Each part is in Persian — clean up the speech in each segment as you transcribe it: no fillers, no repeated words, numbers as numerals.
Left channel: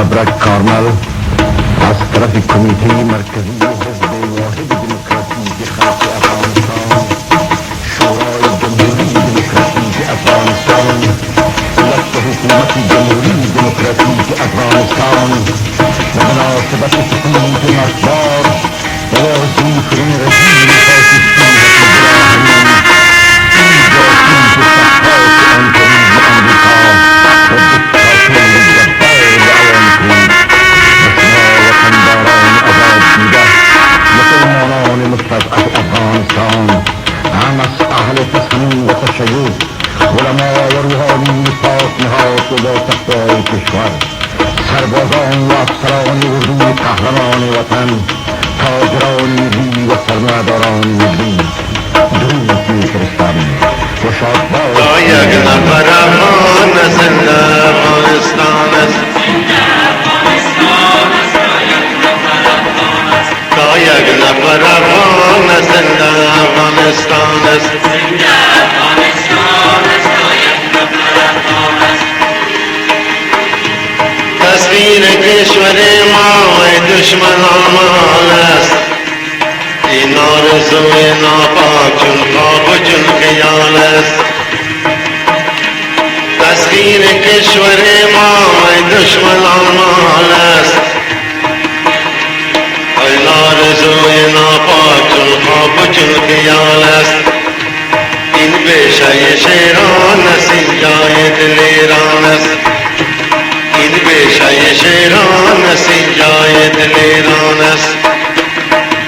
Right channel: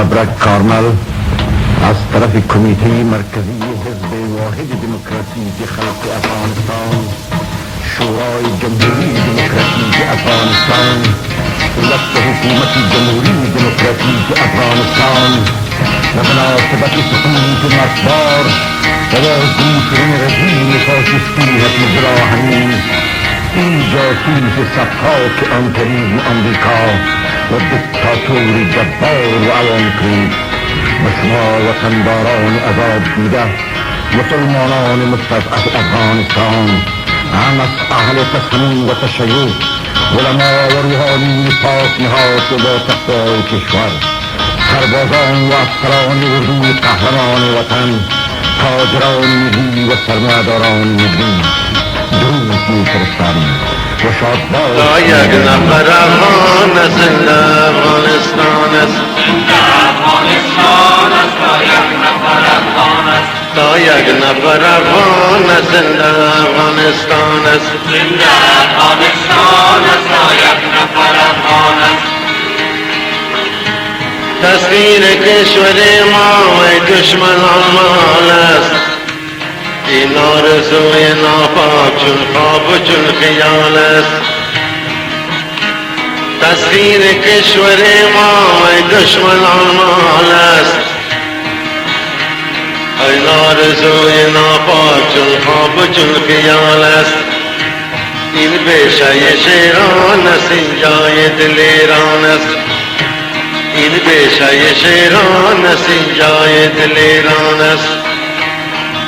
ابرک کارمل از طرف کمیته مرکزی حزب واحد دموکراتیک خلق افغانستان، شورای جمهوری دموکراتیک افغانستان، دولت حکومت جمهوری دموکراتیک افغانستان و مناسبت سقوط مرگبار و واضح شدن رژیم فاشیستی حفیظ الله امین، این جاسوس صفحات امپریالیسم آمریکا و دیکتاتور جبار و عوام‌پرست و شما وطنداران عذاب دیده مسلمانان مستضعف افغانستان، هم از اهل تصمیم و تشیع، علما و روحانی پاک نهاد و با تقوای کشور، سربازان و افسران اردوی قهرمان وطن، تاجران ملی و سرمایه‌داران ملی، درود می‌فرستم و شادباش تا یک نفر افغان زنده افغانستان است، تا یک نفر افغان زنده افغانستان است، تصویر کشور ما و دشمنان مال است، این آرزوی ناپاک چون خواب و چون خیال است، تصویر کشور ما و دشمنان مال است، این آرزوی ناپاک چون خواب و چون خیال است، این پیشه شیران است، این جای دل ایران است، این پیشه شیران است، این جای دل ایران است،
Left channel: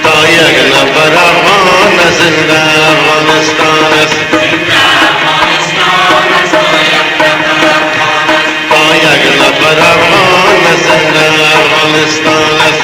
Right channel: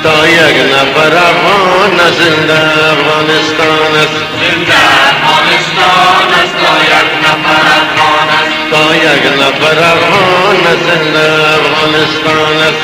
تا یک نفر افغان زنده افغانستان است، تا یک نفر افغان زنده افغانستان است.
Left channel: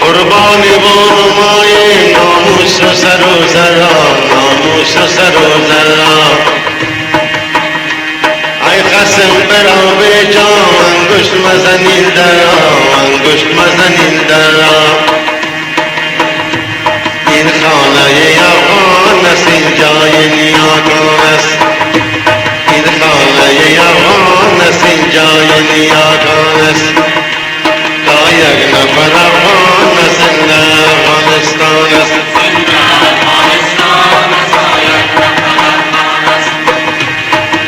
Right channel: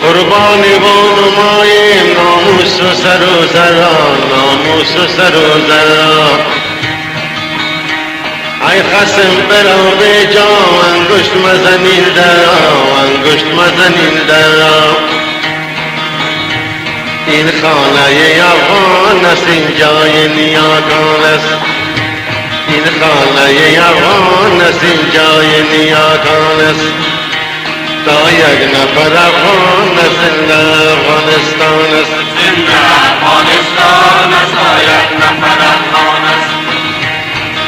قربانی و نمای ناموس و سر و زران، ناموس و سر و زران، ای خصم برا به جا انگشت مزنین درا، انگشت مزنین درا، این خانه افغان است، این جای نیاکان است، این خانه افغان است، این جای نیاکان است، تا یک نفر افغان زنده افغانستان است،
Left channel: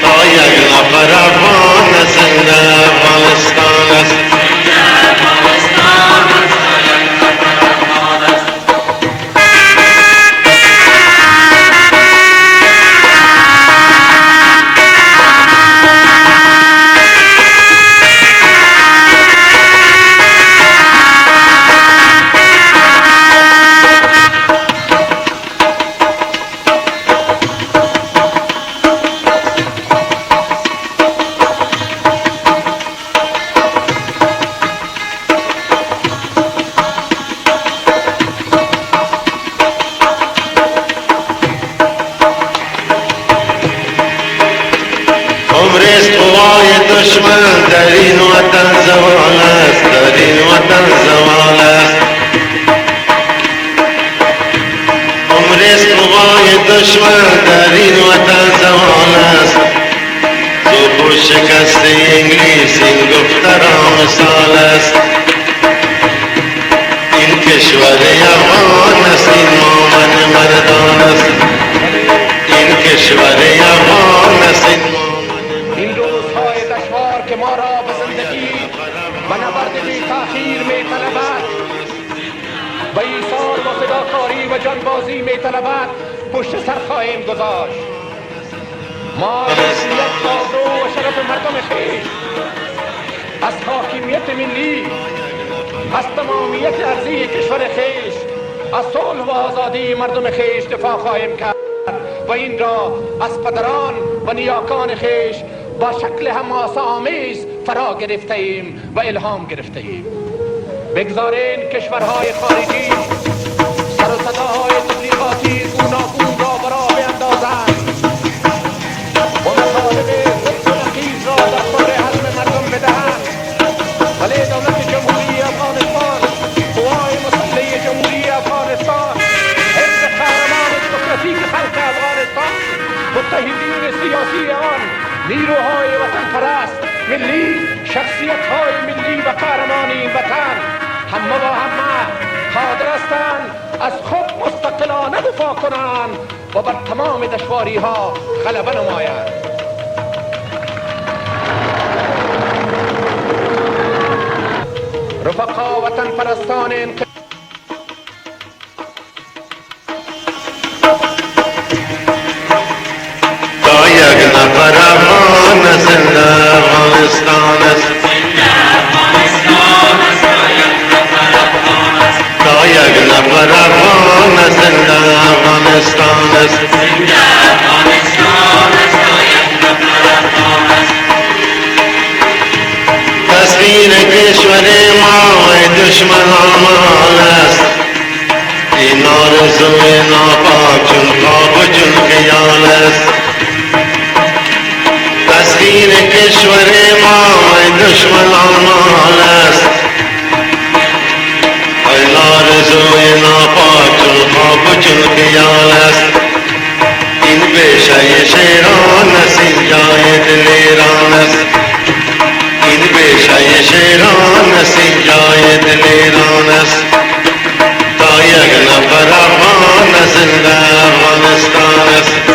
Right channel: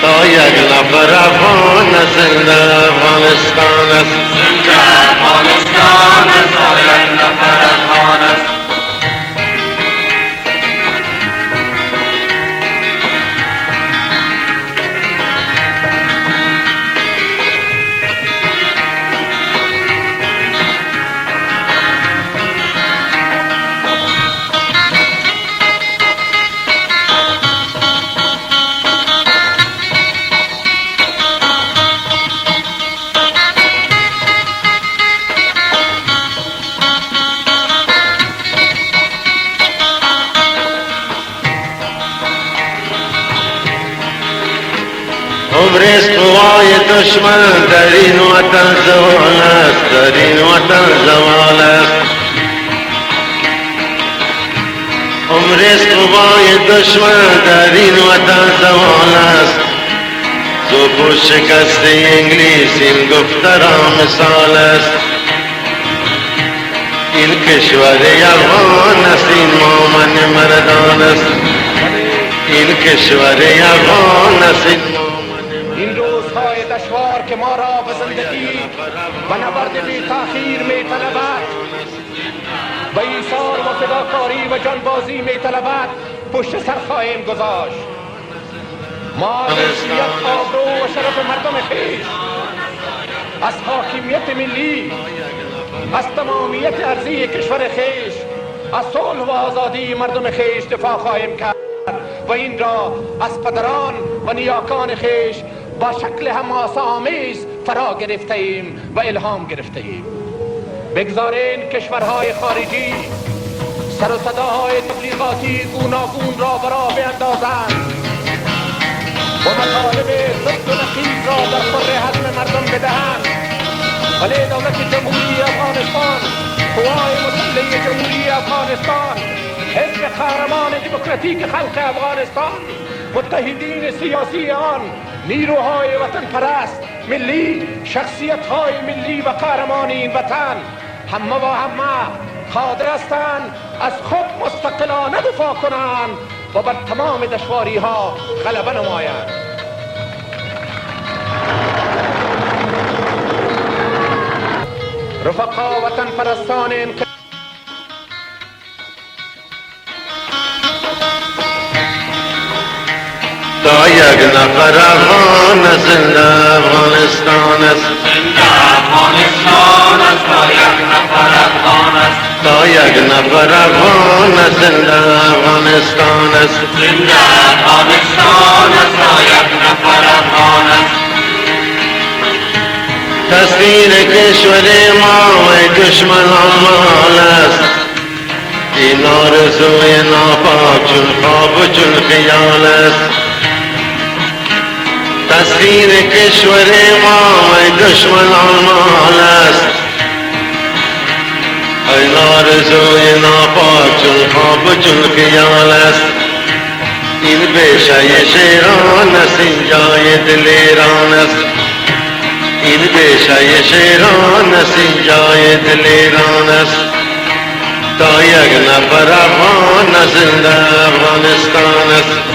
تا یک نفر افغان زنده افغانستان است. عمر است قوای دشمن در این وطن زوال است، در این وطن زوال است، عمر است قوای دشمن در این وطن زوال است، زوب و شکست انگلیس این دختران مثال است، این کشور افغان است، این مومن مردان است، این کشور افغان است، این روزهای دشوار که ما را به زندگی و نبرد بی تأخیر می طلبد و ایثار و فداکاری و جانبازی می طلبد پشت سر خواهیم گذاشت. ما حیثیت، آبرو و شرف مردم خویش از حاکمیت ملی از تمامیت ارضی کشور خیش، از صلح و آزادی مردم خیش دفاع خواهیم کرد و این را از پدران و نیاکان خیش با شکل حماسه آمیز فرا گرفته ایم و الهام گرفته ایم. بگذارین کشورهای خارجی سر و صداهای تبلیغاتی گوناگون را برا بیندازند و مطالب ضد و نقیض را در خور حزم مردم بدهند، ولی دولت جمهوری افغانستان، قوای مسلح جمهوری افغانستان، حزب قهرمان دموکراتیک خلق افغانستان، متحدین سیاسی آن، نیروهای وطن پرست ملی، شخصیت‌های ملی و قهرمان این وطن، همه و همه قادر هستند از خود مستقلانه دفاع کنند و بر تمام دشواری‌ها غلبه نمایند. رفقا وطن پرستان تا یک نفر افغان زنده افغانستان است، تا یک نفر افغان زنده افغانستان است، تسلیم کشور ما و دشمنان مال است، این آرزوی ناپاک چون خواب و چون خیال است، تسلیم کشور ما و دشمنان مال است، این آرزوی ناپاک چون خواب و چون خیال است، این بیشه شیران است، این جای دل ایران است، این بیشه شیران است، این جای دل ایران است، تا یک نفر افغان زنده افغانستان است.